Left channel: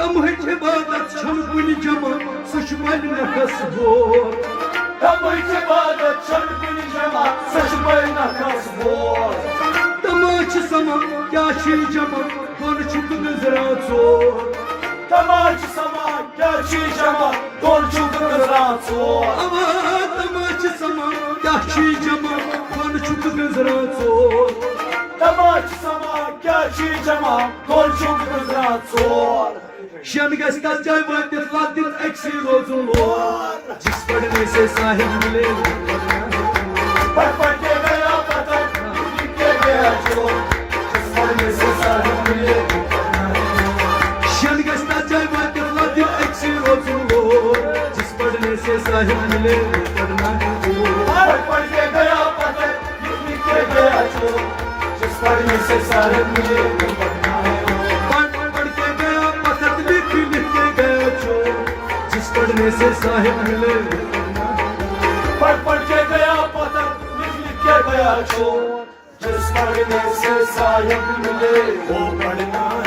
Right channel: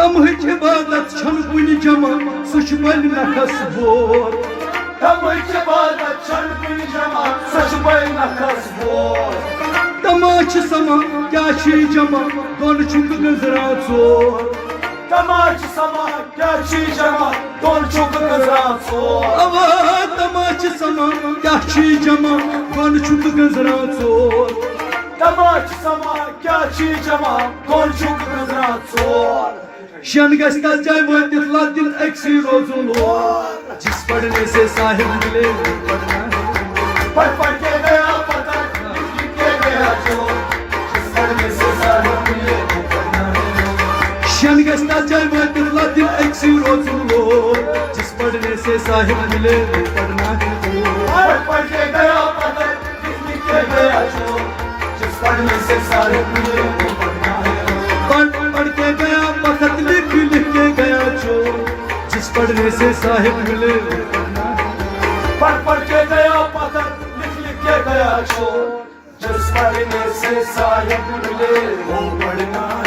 तमहच इबादत छन कुनि जमा सच बल नखस बोर तमहच इबादत छन कुनि जमा सच बल नखस बोर तमाच समा क्या छी जमा दोन छुक गुजरा चोर तमाच समा क्या छी जमा दोन छुक गुजरा चोर अवा तमाच समा क्या छी जमा दोन छुक गुजरा चोर तमाच समा क्या छी जमा दोन छुक गुजरा चोर शन गस्ता जाय वातित लातिल एक्सी रोजुल जिस पढ़ने से साहिब मिले पढ़ पढ़ के गया पता लिख के गया चोर जिस पढ़ने से साहिब मिले शन गस्ता जाय वातिल लातिल एक्सी रोजुल जिस पढ़ने से साहिब मिले पढ़ना है पढ़ पढ़ के गया पता लिख के गया चोर जिस पढ़ने से साहिब मिले पढ़ना है पढ़ के गया पता लिख के गया चोर जिस पढ़ने से साहिब मिले पढ़ पढ़ के गया पता लिख के गया चोर जिस पढ़ने से साहिब मिले वो पढ़ना